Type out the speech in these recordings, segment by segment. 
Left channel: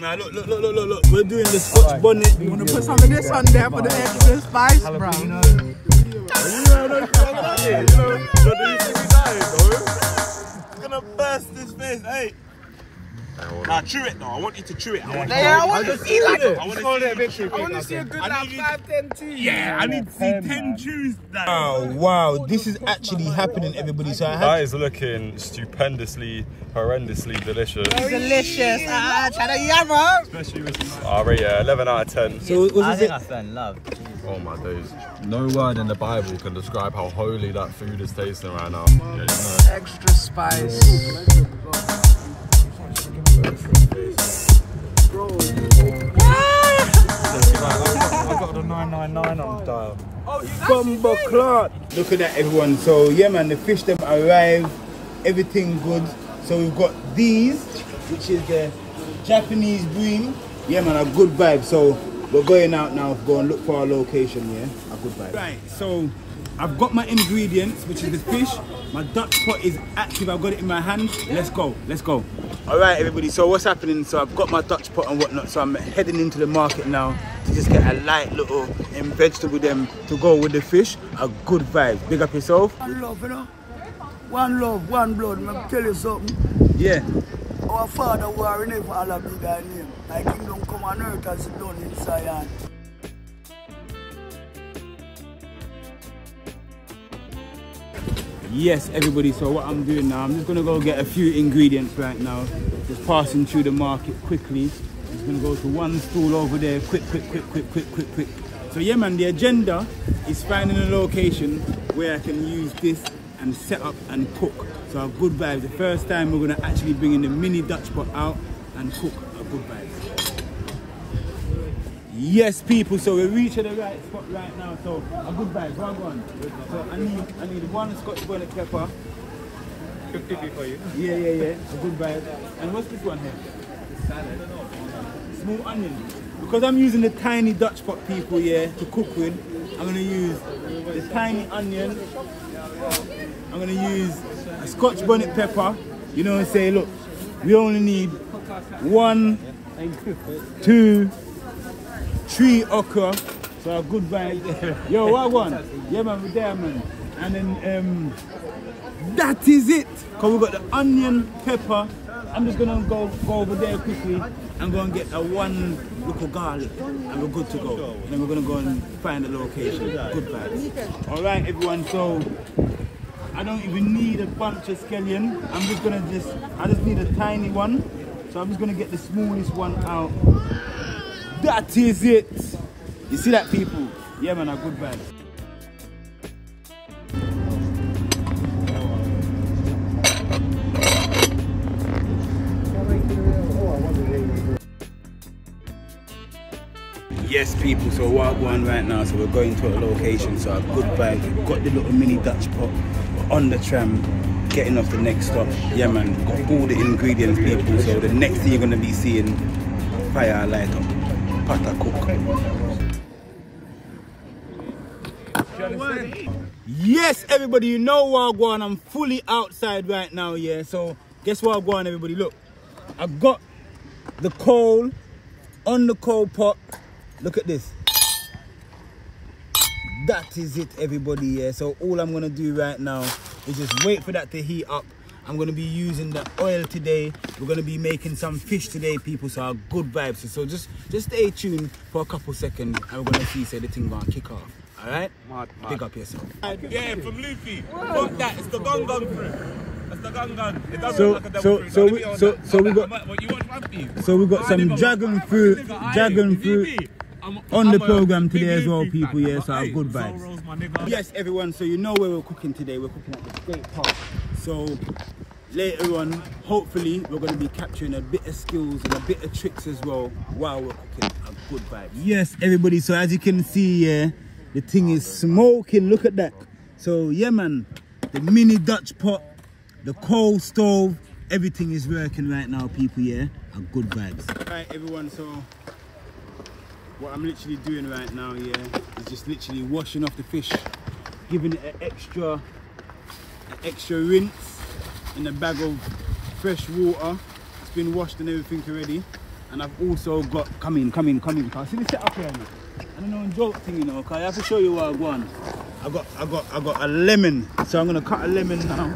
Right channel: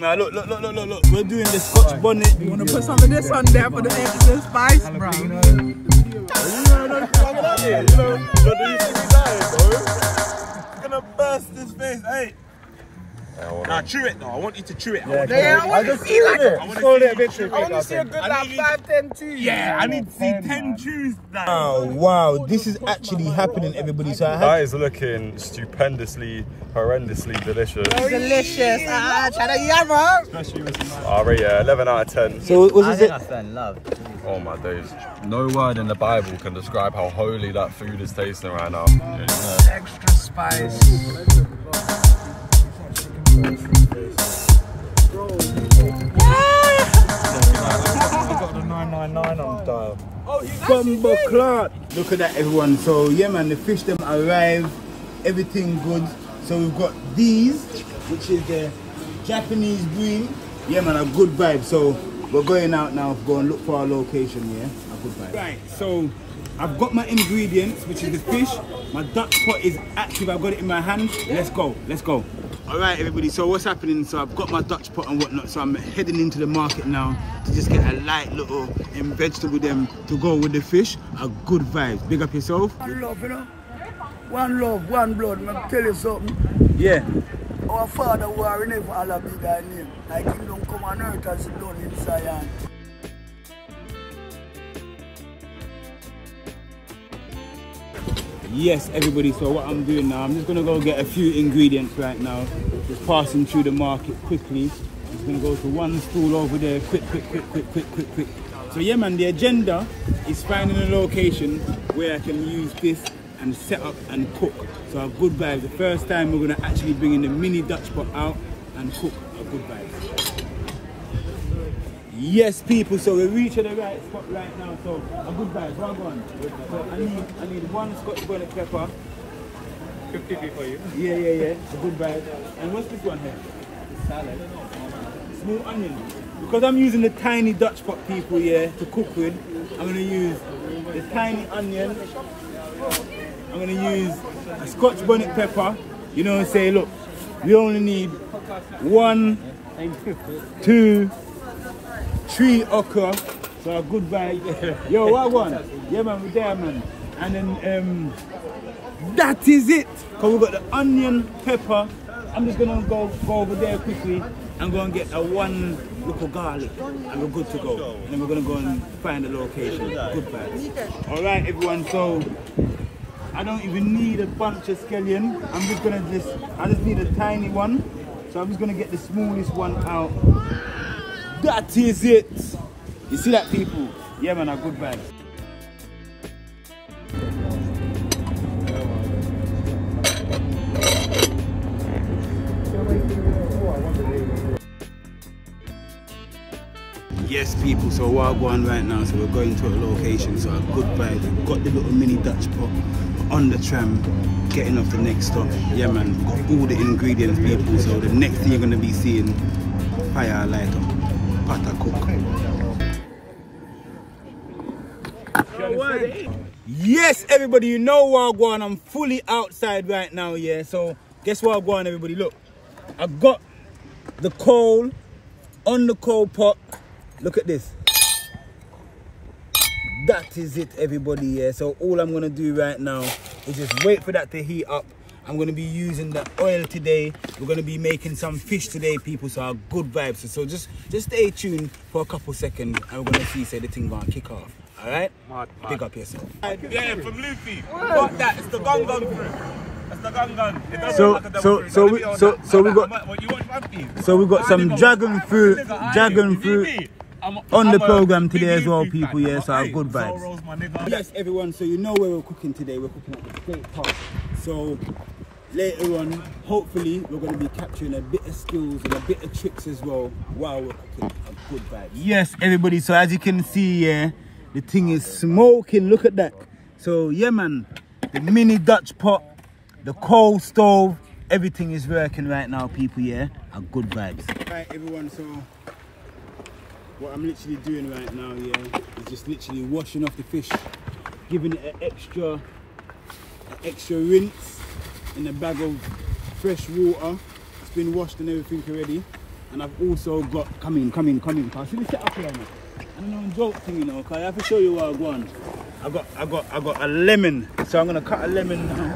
man. Look. We're doing the Scotch bonnet. You want to put some of this on there for the extra spice, bro? You know, gonna burst this face, hey. Nah, chew it though. I want you to chew it. I want to see like I want to see a good like 5-10 teas. Yeah, I need to see 10 chews. Oh wow, this is actually happening, everybody. So that is looking stupendously, horrendously delicious. Delicious. Especially with I rate 11 out of 10. So I think I fell in love. Oh my days. No word in the Bible can describe how holy that food is tasting right now. Extra spice. I've got the 999 on the dial. Bumbo clot. Look at that, everyone. So yeah, man, the fish them arrive, everything good. So we've got these, which is the Japanese bream. Yeah, man, a good vibe. So we're going out now to go and look for our location. Yeah, a good vibe. Right. So I've got my ingredients, which is the fish. My Dutch pot is active. I've got it in my hand. Let's go. Let's go. All right, everybody, so what's happening? So I've got my Dutch pot and whatnot, so I'm heading into the market now to just get a light little vegetable them to go with the fish. A good vibe. Big up yourself. One love, you know? One love, one blood. I'll tell you something. Yeah. Our father who are in for Allah be thy name. Thy kingdom come on earth as it done in Zion. Yes, everybody, so what I'm doing now, I'm just gonna go get a few ingredients right now. Just passing through the market quickly. Just gonna go to one stall over there, quick. So yeah, man, the agenda is finding a location where I can use this and set up and cook. So a good vibe. The first time we're gonna actually bring in the mini Dutch pot out and cook. A good vibe. Yes, people, so we're reaching the right spot right now, so a good vibe, well gone. So I need one Scotch bonnet pepper. 50p for you. Yeah, a good vibe. And what's this one here? The salad. Small onion. Because I'm using the tiny Dutch pot, people, yeah, to cook with, I'm gonna use the tiny onion. I'm gonna use a Scotch bonnet pepper. You know, and say, look, we only need 1, 2, 3 okra, so a good vibe. Yo, what one? Yeah, man, we're there, man. And then that is it. Cause we got the onion, pepper. I'm just gonna go over there quickly and go and get a 1 local garlic, and we're good to go. And then we're gonna go and find the location. Good vibes. All right, everyone. So I don't even need a bunch of scallion. I just need a tiny one. So I'm just gonna get the smallest one out. That is it. You see that, people? Yeah, man, a good vibe. Yes, people, so we're going right now, so we're going to a location, so a good vibe. We've got the little mini Dutch pot, we're on the tram, getting off the next stop. Yeah, man, we've got all the ingredients, people, so the next thing you're going to be seeing, fire light up. Cook. Yes, everybody, you know Wagwan, I'm fully outside right now, yeah. So guess what, Wagwan, everybody, look, I've got the coal on the coal pot. Look at this. That is it, everybody, yeah. So all I'm gonna do right now is just wait for that to heat up. I'm going to be using the oil today. We're going to be making some fish today, people, so our good vibes. So just stay tuned for a couple seconds and we're going to see the thing going to kick off. All right? Pick up yourself. Yeah, from Luffy. Fuck that. It's the gun crew. That's the gun. It doesn't So look like we got some dragon fruit on the program today as well, people. Yeah, so our good vibes. Yes, everyone. So you know where we're cooking today. We're cooking at the skate park. So later on, hopefully, we're going to be capturing a bit of skills and a bit of tricks as well while we're cooking. A good vibe. Yes, everybody. So as you can see, yeah, the thing is smoking. Look at that. So yeah, man, the mini Dutch pot, the coal stove, everything is working right now, people. Yeah, a good vibes. Right, everyone. So what I'm literally doing right now, yeah, is just literally washing off the fish, giving it an extra rinse in a bag of fresh water. It's been washed and everything already. And I've also got, come in. See the setup here, man. I don't know, joke thing, you know, cause I have to show you what I want. I got a lemon, so I'm gonna cut a lemon now.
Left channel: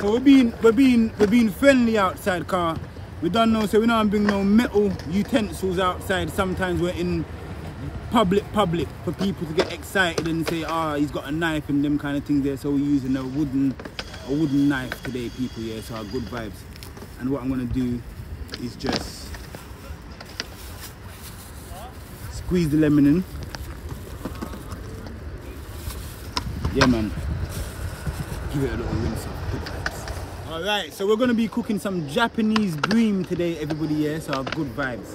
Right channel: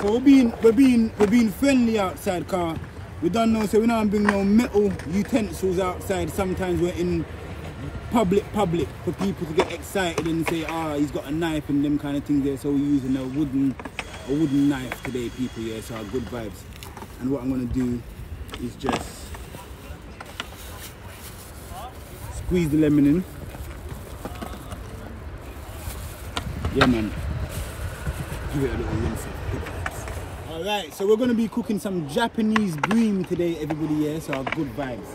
So we're being friendly outside, car. We don't know, so we don't bring no metal utensils outside. Sometimes we're in public for people to get excited and say, ah, he's got a knife and them kind of things there. So we're using a wooden knife today, people. Yeah, so our good vibes. And what I'm gonna do is just squeeze the lemon in. Yeah, man. Give it a little rinse off. Good vibes. Alright, so we're going to be cooking some Japanese bream today, everybody, yeah? So good vibes.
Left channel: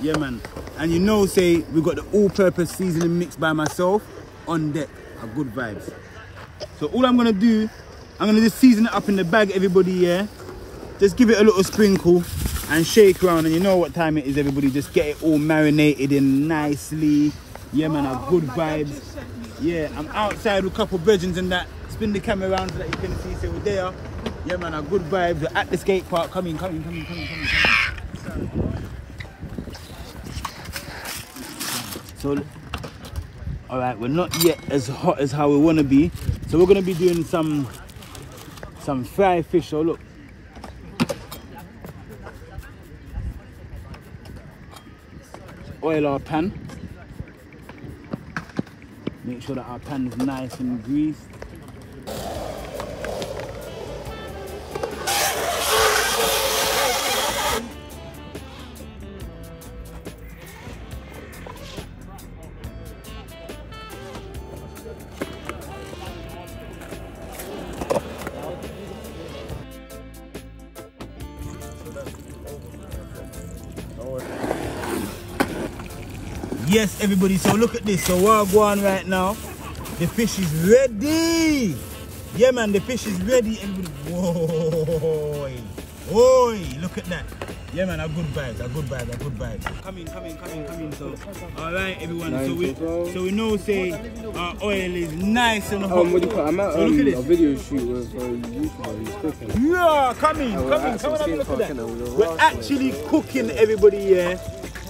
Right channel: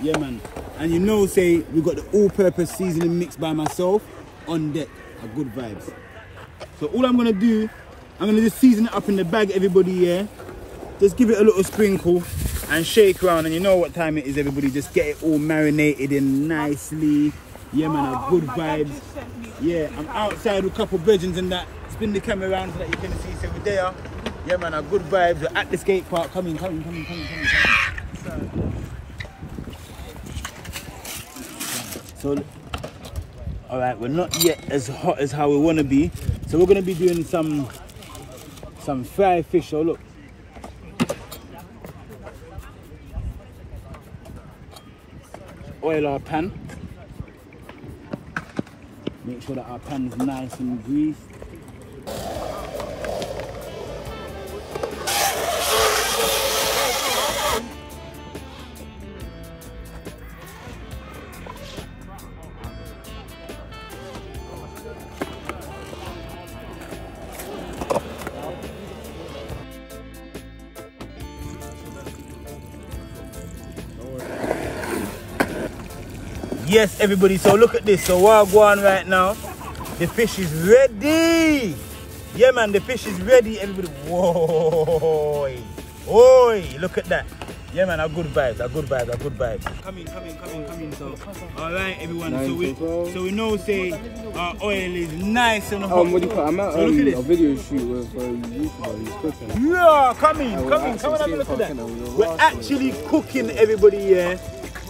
Yeah, man. And you know, say, we got the all-purpose seasoning mix by myself on deck. Good vibes. So all I'm going to do, I'm going to just season it up in the bag, everybody, yeah? Just give it a little sprinkle and shake around, and you know what time it is, everybody. Just get it all marinated in nicely. Yeah, man, good vibes. Yeah, I'm outside with a couple of virgins and that. Spin the camera around so that you can see. So we're there. Yeah, man, good vibes. We're at the skate park. Come in. So, all right, we're not yet as hot as how we want to be. So we're gonna be doing some fried fish. So look. Oil our pan. Make sure that our pan is nice and greased. Yes, everybody, so look at this. So what I'm going right now, the fish is ready. Yeah, man, the fish is ready, everybody. Whoa, oi, look at that. Yeah, man, good vibes. Come in. So, all right, everyone. So we know, say, our oil is nice and hot. What do you call it? I'm at so look at this. a video shoot with a YouTuber who's cooking. Yeah, come in, have a look at that. We're actually cooking, everybody, yeah,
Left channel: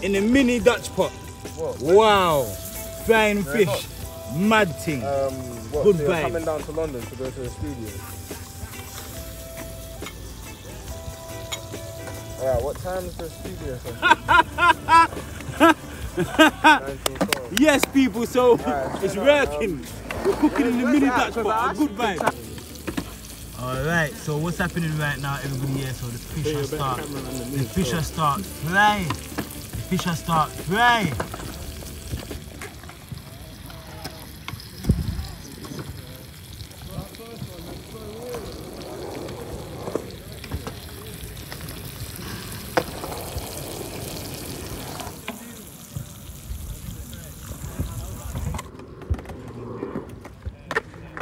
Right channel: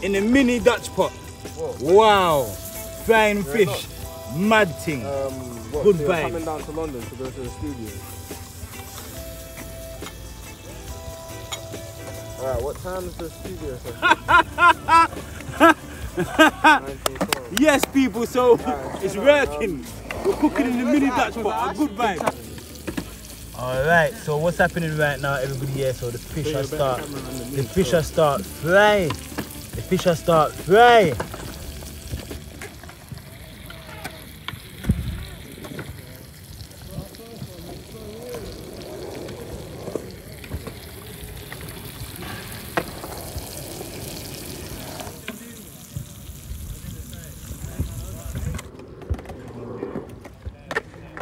in a mini Dutch pot. Wow, frying fish, mad thing. Good vibe. Coming down to London to go to the studio. Alright, what time is the studio? Yes, people, so it's working. We're cooking in the mini Dutch pot, a good vibe. Alright, so what's happening right now, everybody here? So the fish will start fry.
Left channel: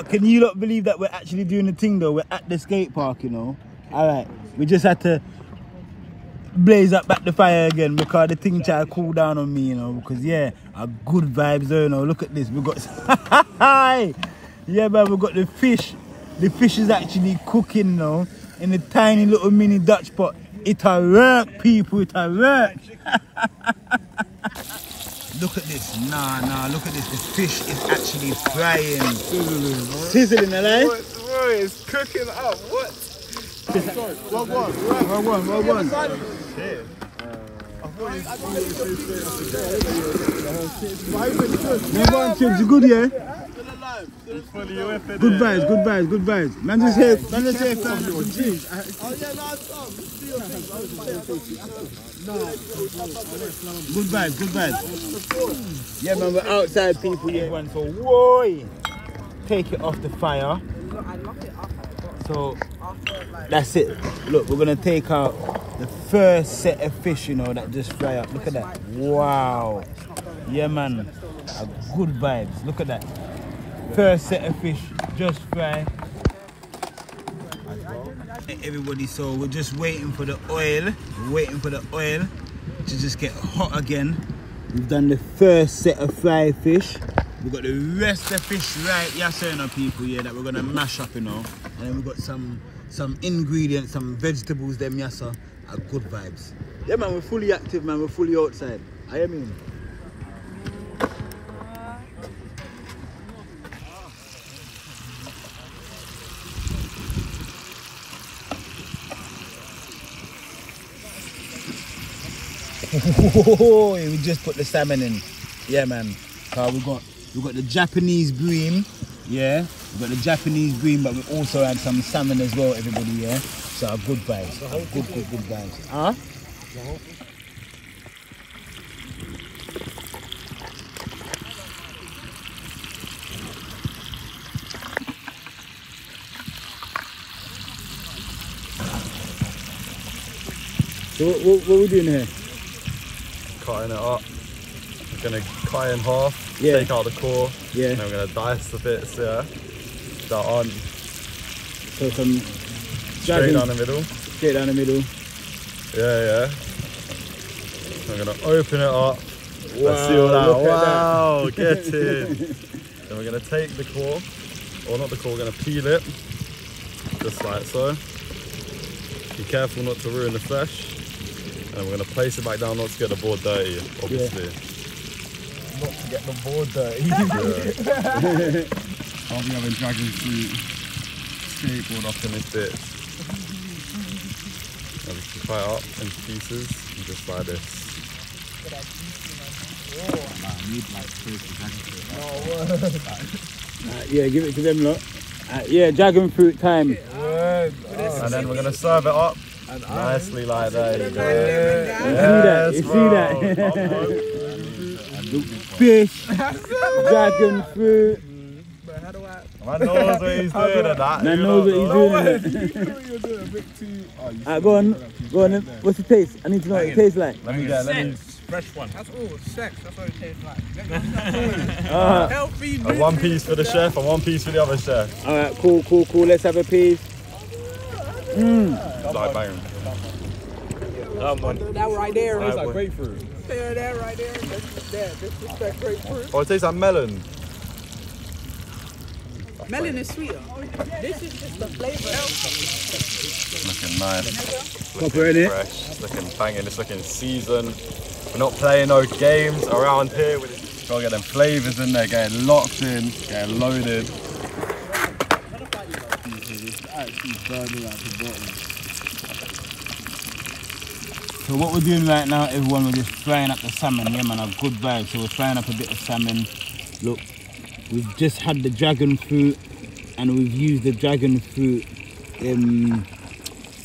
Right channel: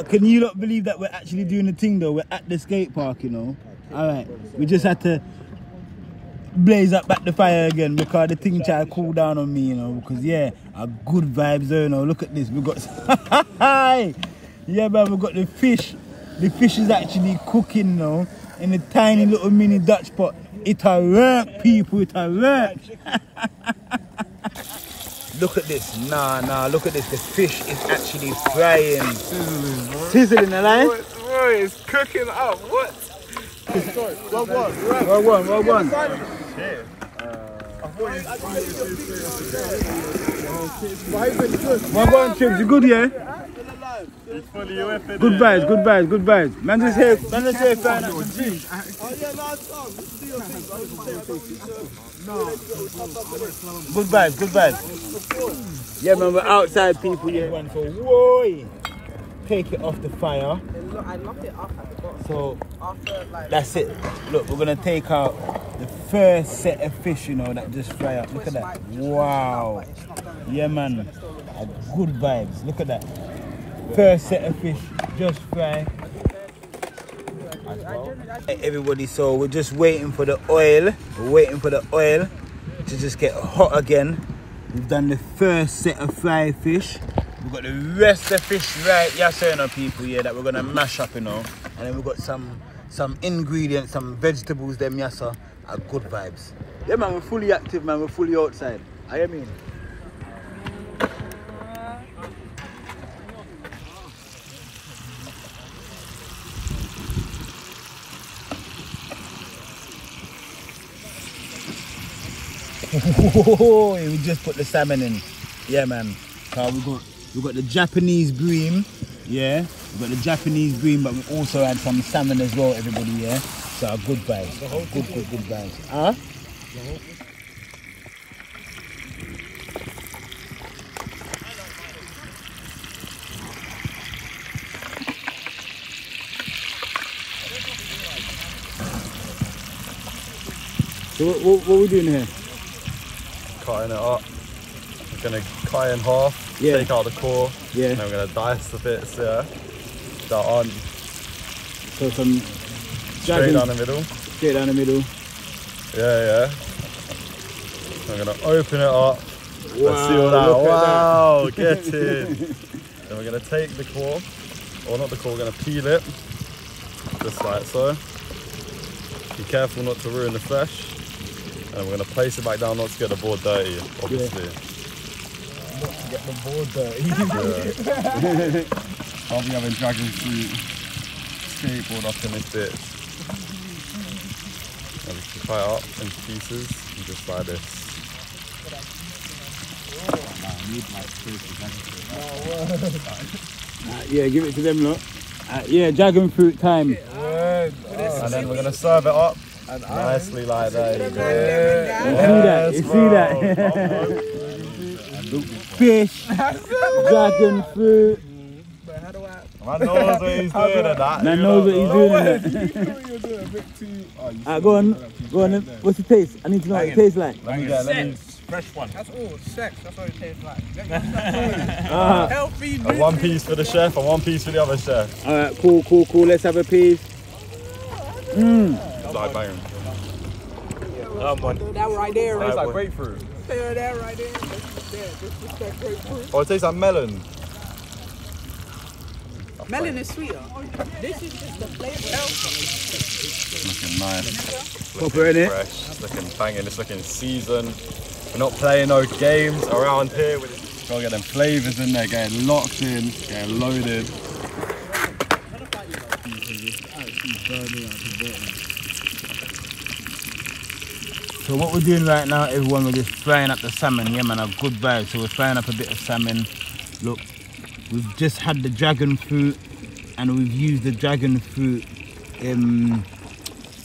Can you not believe that we're actually doing the thing though? We're at the skate park, you know. Alright, we just had to blaze up back the fire again because the thing tried to cool down on me, you know, because yeah, a good vibes there, you know. Look at this, we got yeah, man, we got the fish. The fish is actually cooking, you know, in a tiny little mini Dutch pot. It'll work, people, it'll work. Look at this, nah, look at this. The fish is actually frying. Sizzling, alive? Boy, it's cooking up, what? Well one. Well, Chips, you good, yeah? Good vibes. Man just here, frying up some fish. Good vibes. Yeah, man, we're outside, people. Yeah, everyone. So, whoa, take it off the fire. So that's it. Look, we're gonna take out the first set of fish, you know, that just fry up. Look at that. Wow. Yeah, man. Good vibes. Look at that. First set of fish just fry. Hey, everybody, so we're just waiting for the oil. To just get hot again. We've done the first set of fried fish. We've got the rest of fish right here, so, you know, people, yeah, that we're gonna mash up, you know. And then we've got some ingredients, some vegetables, them, yeah, so good vibes. Yeah, man, we're fully active, man. We're fully outside. I mean. Oh, we just put the salmon in. Yeah, man. We got the Japanese bream. Yeah, we got the Japanese bream, but we also had some salmon as well, everybody. Yeah, so good vibes. Good vibes. Huh? So what are we doing here? Cutting it up. We're gonna cut it in half, take out the core, and then we're gonna dice the bits, that on. So some straight down the middle. Straight down the middle. Yeah. I'm gonna open it up. Let's see all that. Wow, get in. Then we're gonna take the core, or not the core, we're gonna peel it, just like so. Be careful not to ruin the flesh. And we're going to place it back down, not to get the board dirty, obviously. Not to get the board dirty. I'll be having dragon fruit skateboard up in this bit. And we can cut it up into pieces, and just like this. Yeah, give it to them, look. Yeah, dragon fruit time. And then we're going to serve it up. Nicely like that. You see that? Fish, dragon fruit. Man knows what he's doing at that. Man knows what he's doing. Go on. What's the taste? I need to know what it tastes like. Fresh one. That's all sex. That's what it tastes like. Healthy. And one piece for the chef and one piece for the other chef. Alright, cool. Let's have a piece. Like banging. That right there. Tastes like grapefruit. That right there. That's that grapefruit. Oh, it tastes like melon. Melon is sweeter. This is just the flavor. Looking nice. Proper, innit? Fresh. It's looking banging. It's looking seasoned. We're not playing no games around here. We're just trying to get them flavours in there, getting locked in, getting loaded. So what we're doing right now, everyone, we're just frying up the salmon. Yeah, man, I've good vibes. So we're frying up a bit of salmon. Look, we've just had the dragon fruit, and we've used the dragon fruit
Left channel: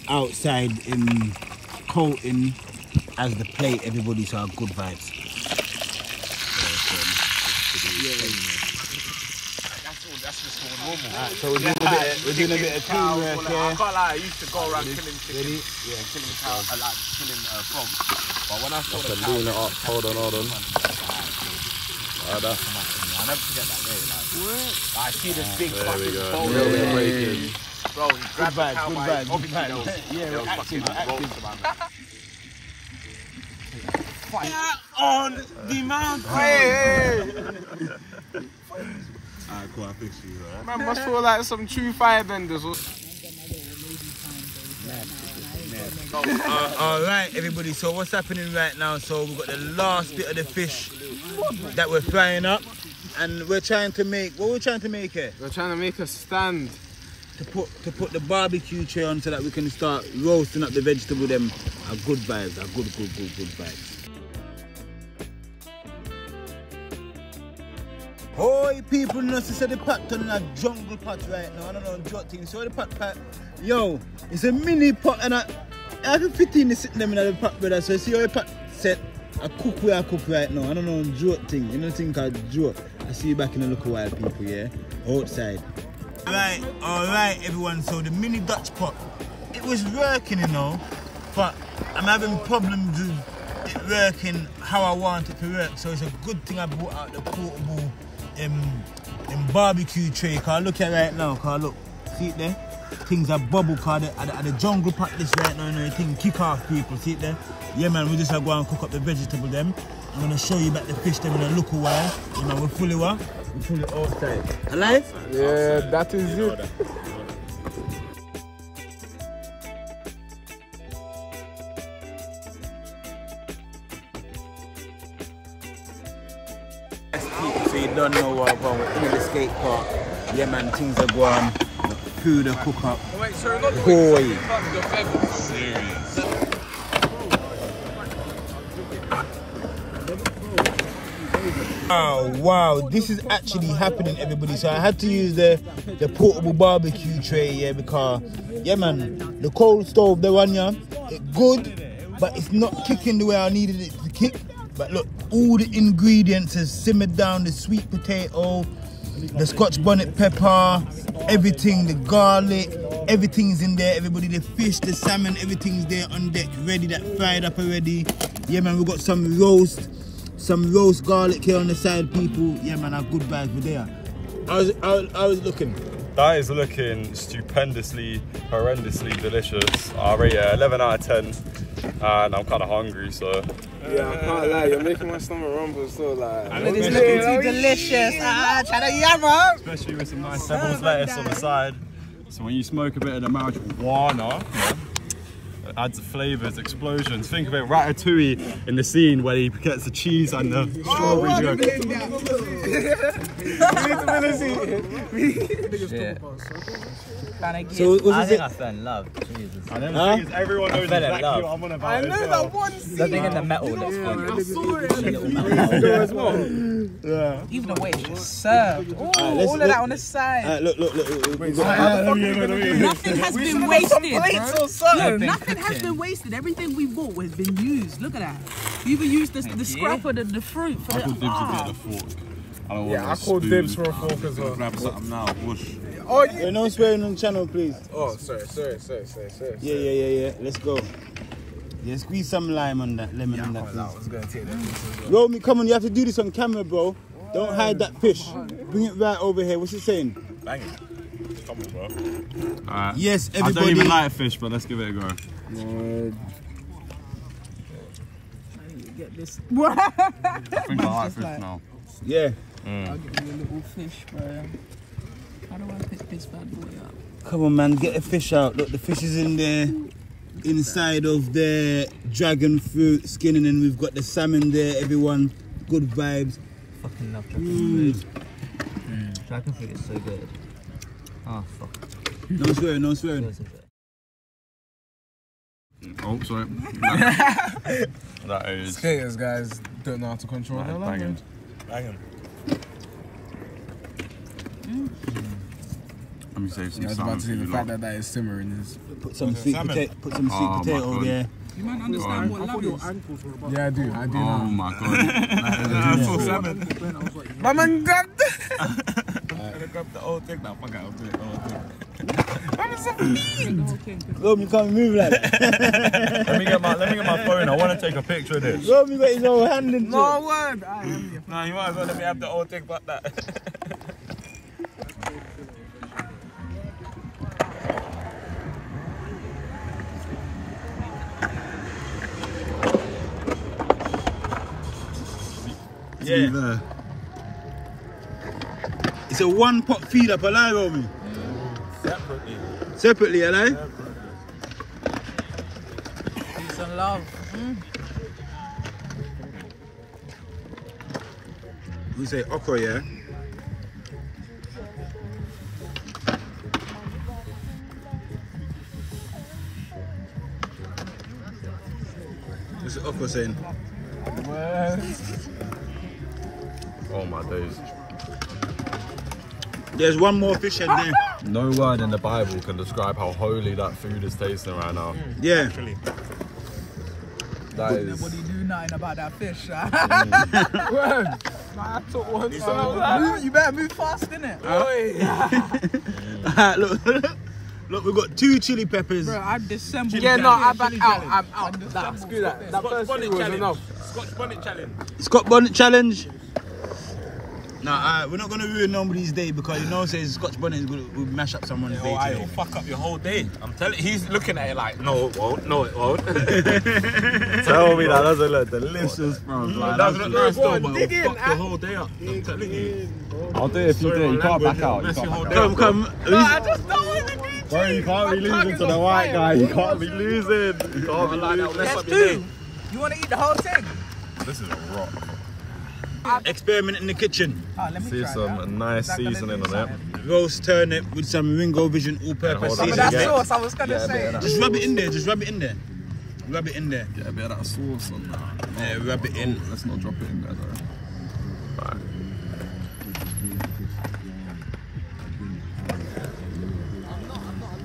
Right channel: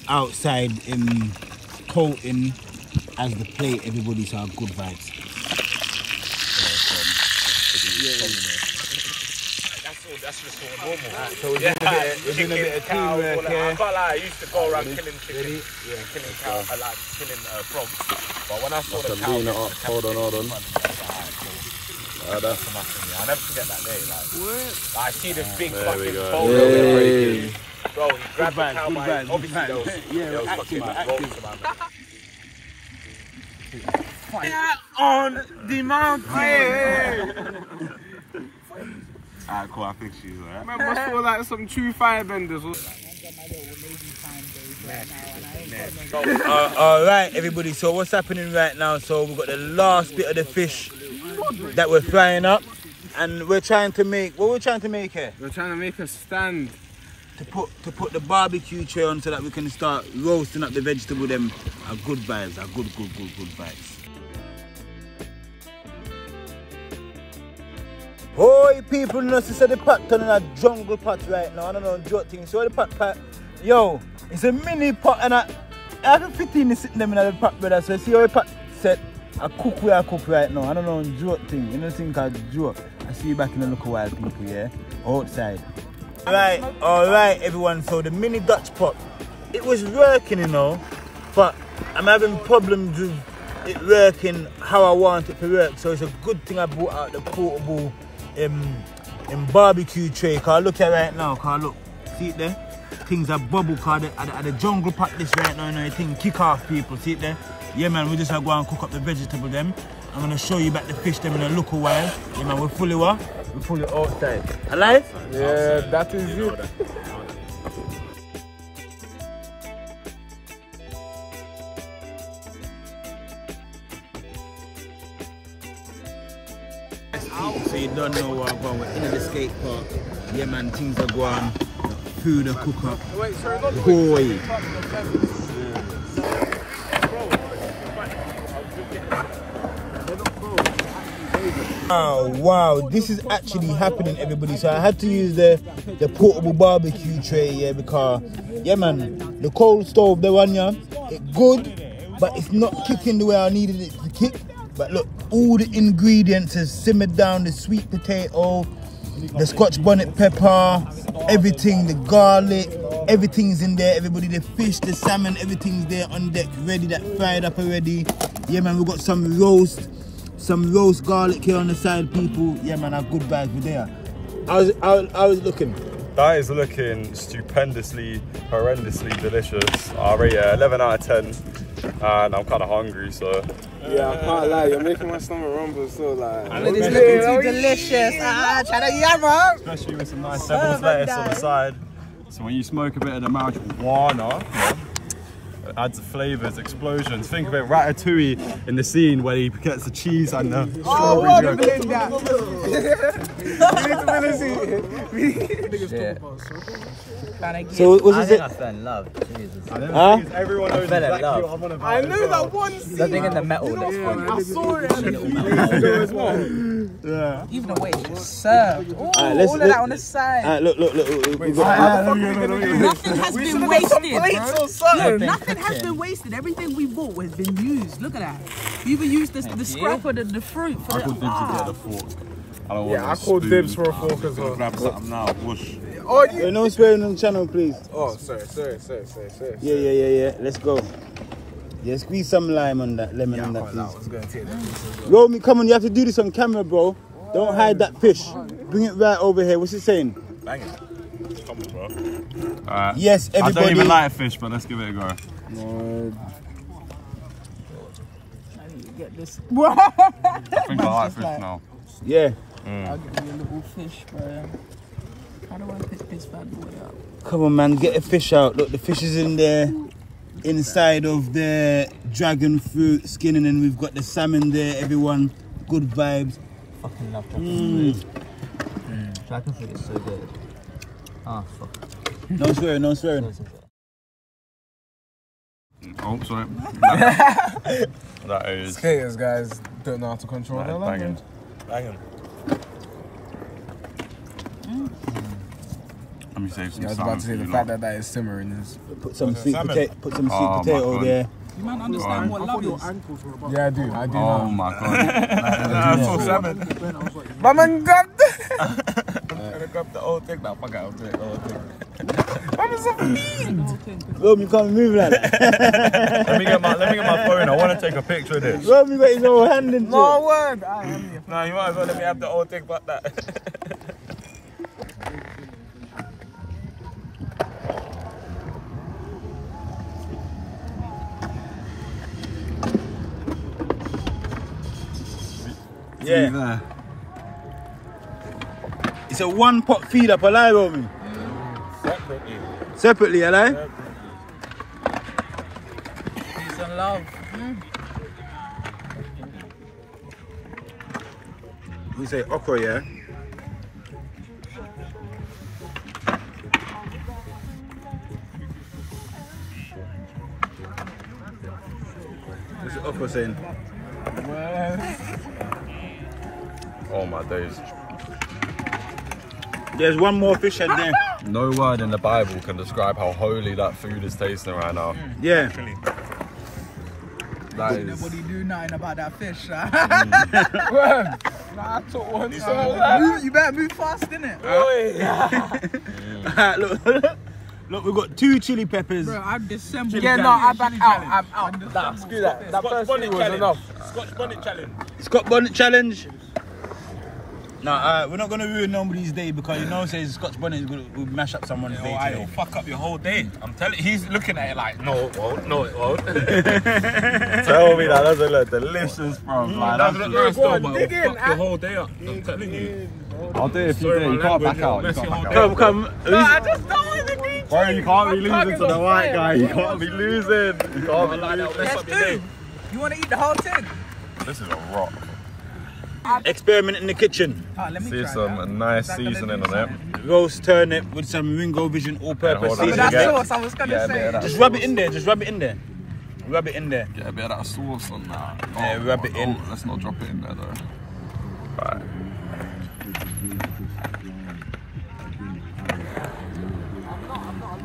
outside coating as the plate, everybody, so good vibes. That's just all normal. So we're doing a bit of teamwork here. I can't lie, I used to go around killing chickens and killing cows, killing frogs. But when I saw the cow, Lean it up. Hold on. Like that. I'll never forget that day. Like I see this big fucking Breaking. bro, he grabbed the cow by obviously there was fucking ropes around it. Fire on the mountain. Alright, cool, I think she's alright. Man, must feel like some true firebenders. Alright, everybody, so what's happening right now? So we've got the last bit of the fish that we're frying up, and we're trying to make, what we're trying to make here? We're trying to make a stand. To put the barbecue tray on so that we can start roasting up the vegetable. Them are good vibes, are good vibes. Hoy people, you know, see the pot turning a jungle pot right now. I don't know, joke thing. So the pot, yo, it's a mini pot, and I have 15 sitting them in the pot, brother. So you see how the pot set, I cook right now. I don't know, joke thing. You know the thing called joke. I see you back in a little while, people, yeah? Outside. Alright, everyone. So the mini Dutch pot, it was working, you know, but I'm having problems with it working how I want it to work. So it's a good thing I brought out the portable barbecue tray. Cause look at it right now. Cause look, see it there? Things are bubble. Cause at the jungle pot this right now, you know, thing kick off, people. See it there? Yeah, man. We just go and cook up the vegetable them. I'm gonna show you back the fish them in a little while. Yeah, man. We're fully what? We're fully outside. Alive? Yeah, that is it. people, so you don't know where I'm going. We're in the skate park. Yeah, man, things are going. The food, the cook up. Boy. Wow, this is actually happening, everybody. So I had to use the portable barbecue tray, yeah, because, yeah, man, the cold stove, the one, yeah, it's good, but it's not kicking the way I needed it to kick. But look, all the ingredients have simmered down, the sweet potato, the Scotch bonnet pepper, everything, the garlic, everything's in there, everybody, the fish, the salmon, everything's there on deck, ready, that fried up already. Yeah, man, we've got some roast garlic here on the side, people. Yeah, man, our good vibes were there. I was looking. That is looking stupendously, horrendously delicious. I rate it 11 out of 10, and I'm kind of hungry, so. Yeah, I can't lie, you're making my stomach rumble, so like. It is looking too delicious. Try to yammer. Especially with some nice devil's lettuce on the side. So when you smoke a bit of the marijuana, it adds the flavours, explosions. Think of it, Ratatouille in the scene where he gets the cheese and the strawberry. So what's it? I fell in love. Jesus. Everyone knows exactly what I'm on about. I know that one scene. The thing in the metal looks funny. I saw it as well. Yeah. Even the way it's just served. Ooh, all of that on the side. Look. Nothing has been wasted, bro. Look, nothing has been wasted. Everything we bought has been used. Look at that. You even used the scrap of the fruit for the. I called dibs for a fork as well. Grab something now, whoosh. Oh, yeah. No swearing on the channel, please. Oh, sorry. Yeah. Let's go. Yeah, squeeze some lime on that, lemon on that, please. I was going to take that. Romy, come on, you have to do this on camera, bro. Don't hide that fish. Bring it right over here. What's it saying? Bang it. Come on, bro. Alright. Yes, everybody. I don't even like fish, but let's give it a go. Get this. I think I like fish now. Yeah. I'll give you a little fish, bro. How do I pick this bad boy up? Come on, man, get the fish out. Look, the fish is in there, inside of the dragon fruit skin, and then we've got the salmon there, everyone. Good vibes. Fucking love dragon fruit. Dragon fruit is so good. Oh, fuck. No swearing. Oh, sorry. That is. Skaters, guys, don't know how to control their language. Banging. Let me save some Yeah, I was about to say the fact that is simmering is. Put some sweet potato there. You might understand what love is. Yeah, I do. Oh my god. That's so salmon. My man grabbed it. I grabbed the whole thing. Now, fuck it, I'll do it. The whole thing. What is that? Rob, you can't move like that. let me get my phone. I want to take a picture of this. Rob, you got his whole hand into it. No word. No, you might as well let me have the whole thing, but that. Yeah. It's a one pot feed up, alive, Romy? Separately, alive? Peace and love. We say okra, yeah? What's the okra saying? Oh my days. There's one more fish head there. No word in the Bible can describe how holy that food is tasting right now. Yeah. That is. Nobody do nothing about that fish, Nah, I took one. You better move fast, innit? Look, we've got 2 chili peppers. Bro, I've dissembled. Yeah, no, I'm back out. I'm out. Nah, screw that. That first thing was enough. Scotch bonnet challenge. Scotch bonnet challenge. Nah, we're not gonna ruin nobody's day because you know, says Scotch bonnet is gonna mash up someone's day today. It'll fuck up your whole day. I'm telling you, he's looking at it like, no, it won't, no, it won't. Tell me that doesn't look delicious, bro. It doesn't look nice though, but it'll fuck your whole day up. I'm telling you. I'll do it if you do it. You can't back out. Come. No, I just don't want to be. Bro, you can't be losing to the white guy. You can't be losing. You can't be losing. Yes, dude. You want to eat the whole thing? This is a rock. Experiment in the kitchen. See some nice seasoning on it. Roast turnip with some Ringo Vision all-purpose seasoning. That's sauce, I was gonna say. Just rub it in there, just rub it in there. Rub it in there. Get a bit of that sauce on that. Yeah, rub it in. Let's not drop it in there though. Right.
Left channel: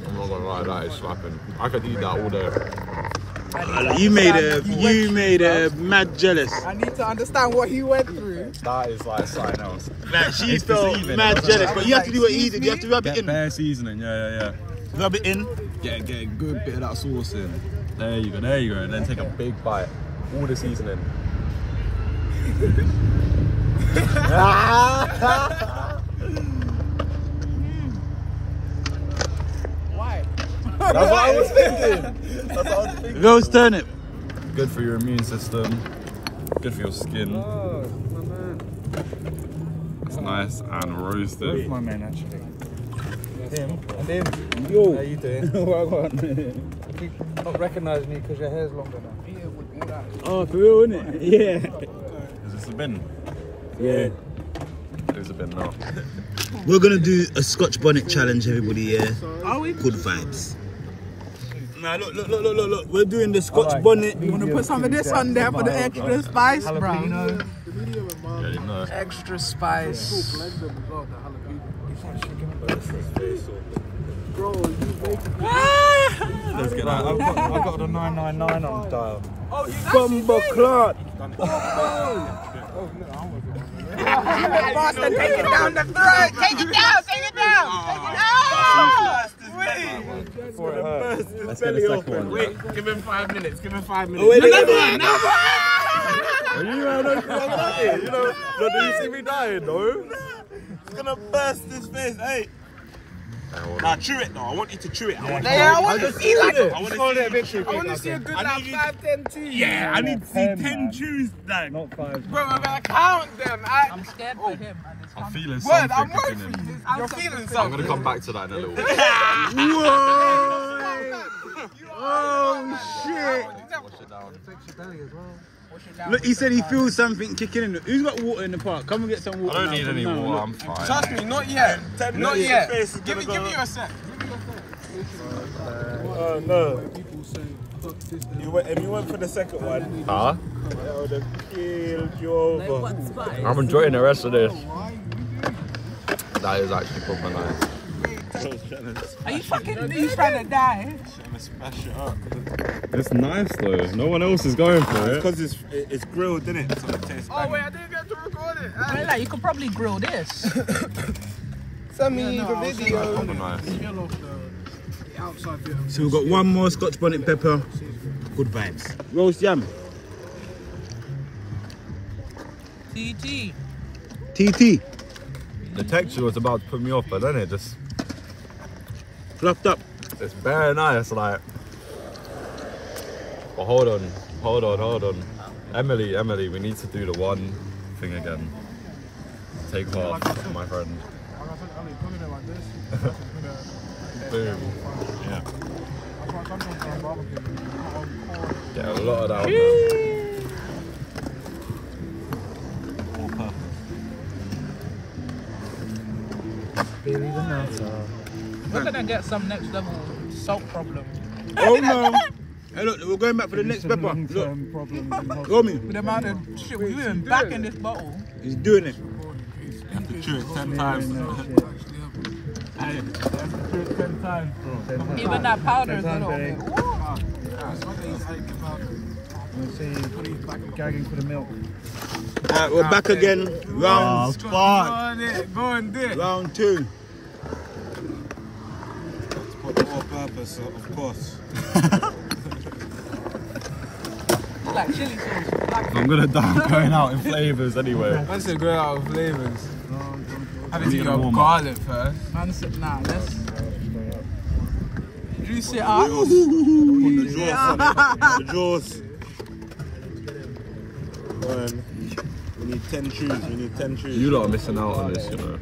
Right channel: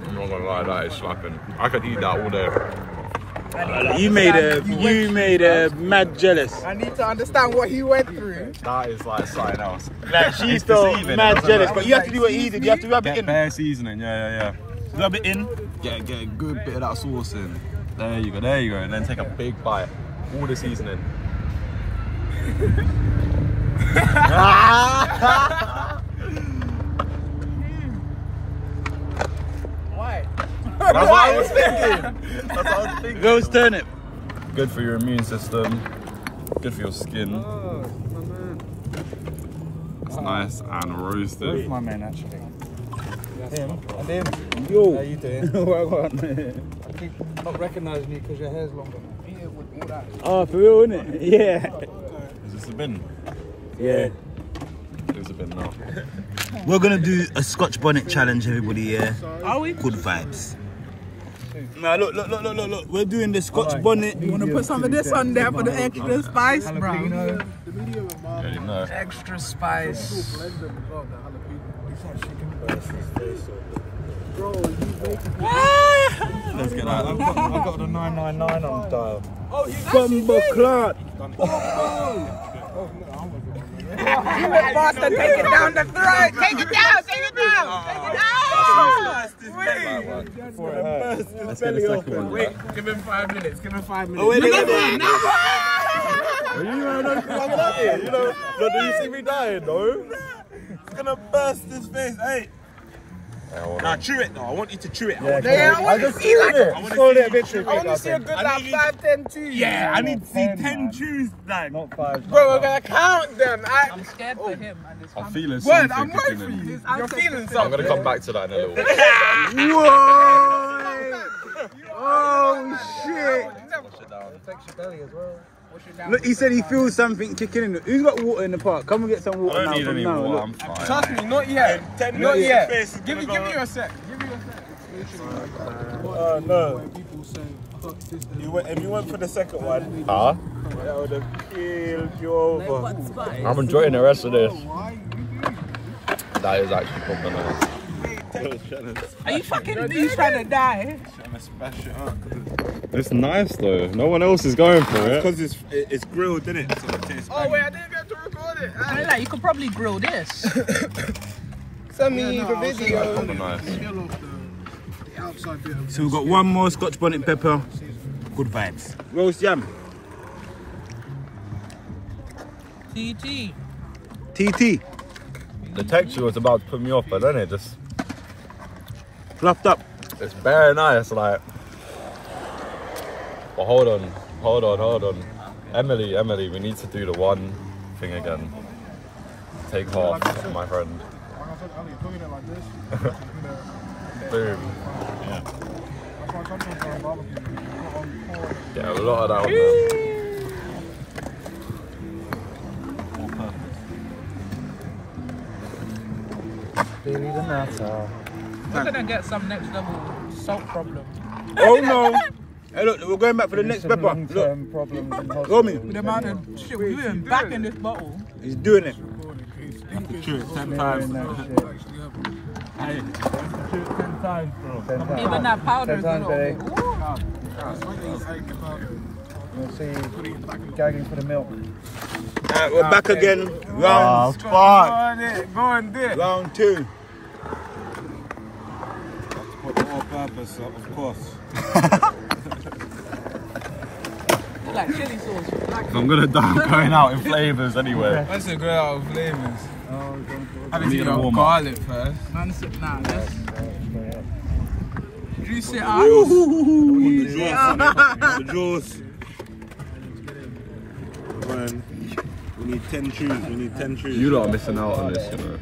I'm not gonna lie, that is slapping. I could eat that all day. You made a mad jealous. I need to understand what he went through. That is like something else. Like she felt mad jealous, but you have to do it easy. You have to rub it in. Bare seasoning, yeah. Rub it in. Get a good bit of that sauce in. There you go, and then take a big bite. All the seasoning. Why? Roast turnip. Good for your immune system. Good for your skin. Oh, my man. It's nice and roasted. My man, actually. Him and him. Yo. How you doing? What? I keep not recognising you because your hair's longer. Oh, for real, isn't it? Yeah. Is this a bin? Yeah. There's a bin now. We're gonna do a Scotch bonnet challenge, everybody. Yeah. Are we? Good vibes. Man, look. We're doing the Scotch bonnet. You want to put some of this on there for the extra spice, bro? Yeah, you know. Extra spice. Let's get that. I've got the 999 on dial. Oh, you Bumbo clot. bastard, take it down the throat. Take it down. Let's get the second one. Wait, give him 5 minutes. Give him 5 minutes. Oh, wait, You know, do you see me dying, though? It's gonna burst his face, hey. Nah, chew it though. I want you to chew it. I want to see like I want to see a good like 5, 10 chews. Yeah, I need to see 10 chews, like. Not 5. Bro, we're gonna count them. I'm scared for him and his I'm family. feeling Word, something I'm cooking waiting for in. you. You're feeling I'm something. gonna come back to that in a little bit. Oh shit! Wash it down. Affects your belly as well. Look, he said he feels something kicking in. Who's got water in the park? Come and get some water. I don't need now, any from now, water, look. I'm fine. Trust me, not yet. Not yet. Give me a sec. Oh no. If you went for the second one, Huh? that would have killed you over. I'm enjoying the rest of this. That is actually proper nice. Are you fucking he's trying to die? It's nice though. No one else is going for it. Because it's grilled, isn't it? So it tastes Oh wait, I didn't get to record it. I like, you could probably grill this. Send me the video. Proper nice. So we've got one more Scotch bonnet pepper. Good vibes. Roast yam. TT. TT. The texture was about to put me off, but then it just, Fluffed up. it's very nice, like. But hold on. Emily, we need to do the one thing again. Take half, my friend. Boom. Yeah. Get a lot of that on there. Billy the Nutter. We're gonna get some next level salt problem. Oh no. Hey look, we're going back for the next pepper. Look. Problems in Romy. With the amount of shit we're doing back in this bottle. He's doing it. Chew it 10 times. Hey, 10 times, bro. Even that powder is a 10 little times, bit. We'll see gagging for the milk. Alright, we're back again. Round Go on it. Round 2. For the all purpose, of course. It's like chili sauce. I'm gonna die going out in flavours anyway. Once you go out of flavors. I need need to to warm up. garlic first. Man, nah, let's juice it out. The jaws. We need 10 chews. We need 10 chews. You lot are missing out on this, you know.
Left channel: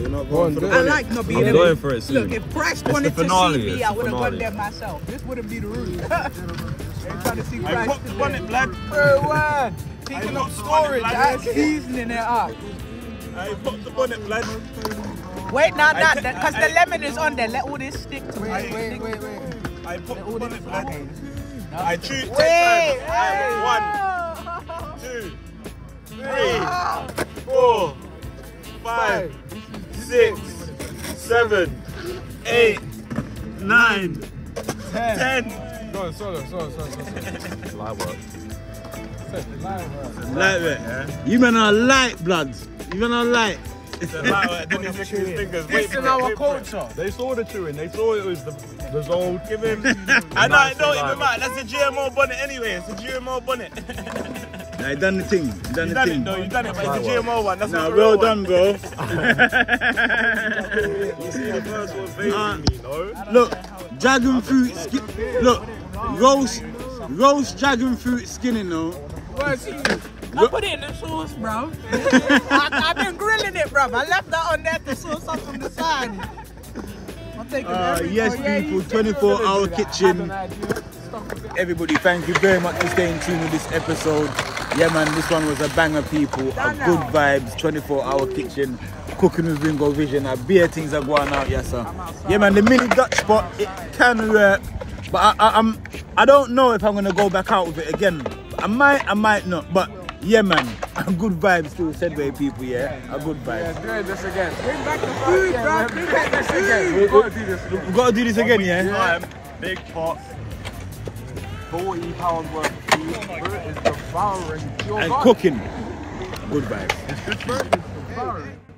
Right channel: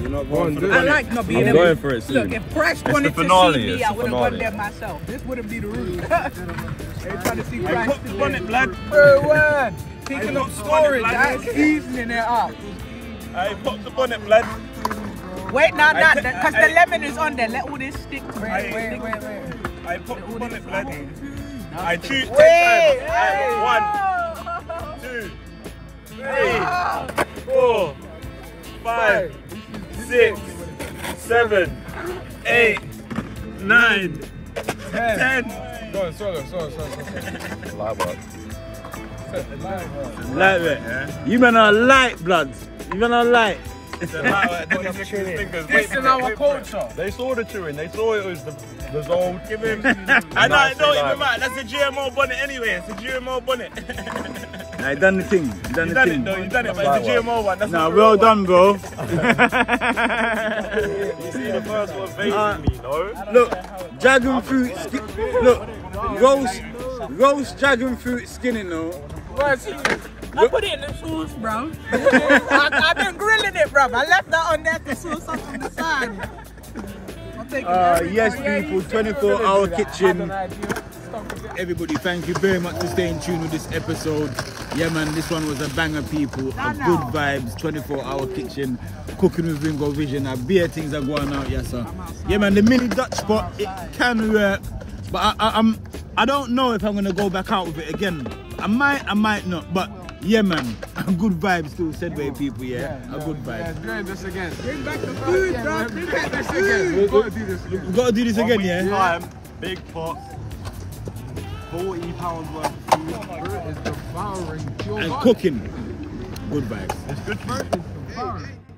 You're not going for the I like not being I'm in going it. for it soon. Look, if Price It's wanted the finale, to see me, it's I the would have gone finale. there myself. This wouldn't be the route. I put the bonnet, blood. Bro, word. Taking up storage, seasoning it up. I put the bonnet, blood. Wait, because the lemon is on there. Let all this stick to it. Wait. I put the bonnet, blood. I chew 10 Wait. times. 1, 2, 3, 4, 5, 6, 7, 8, 9, 10. Go, so. Light work. Light, man. You men are light, blood. You men are light. This is our culture. They saw the chewing. They saw it was the old. Give him. I know it even matter. That's a GMO bonnet anyway. It's a GMO bonnet. Nah, you done the thing. You done the thing. No, you done it, but it's a GMO one. That's Nah, well done, bro. You see the first one, basically, no? Look, dragon fruit. Look, roast dragon fruit skinning, though. I put it in the sauce, bro. I've been grilling it, bro. I left that on there to sauce up on the side. Yes, people, 24-hour kitchen. Everybody, thank you very much for staying tuned with this episode. Yeah, man, this one was a banger, people. Good vibes, 24-hour kitchen, cooking with Ringo Vision. Beer things are going out, yes, sir. Yeah, man, the mini Dutch pot, it can work, but I don't know if I'm gonna go back out with it again. I might not, but yeah, man, a good vibes too, Sedway people, yeah, a good vibe. Yeah, do this again. Bring back the food, bro. Bring back this again. We've got to do this again. We've got to do this again, yeah? Big pot. 40 pounds worth of food. Bro, it's devouring. And cooking. Good vibes. It's devouring.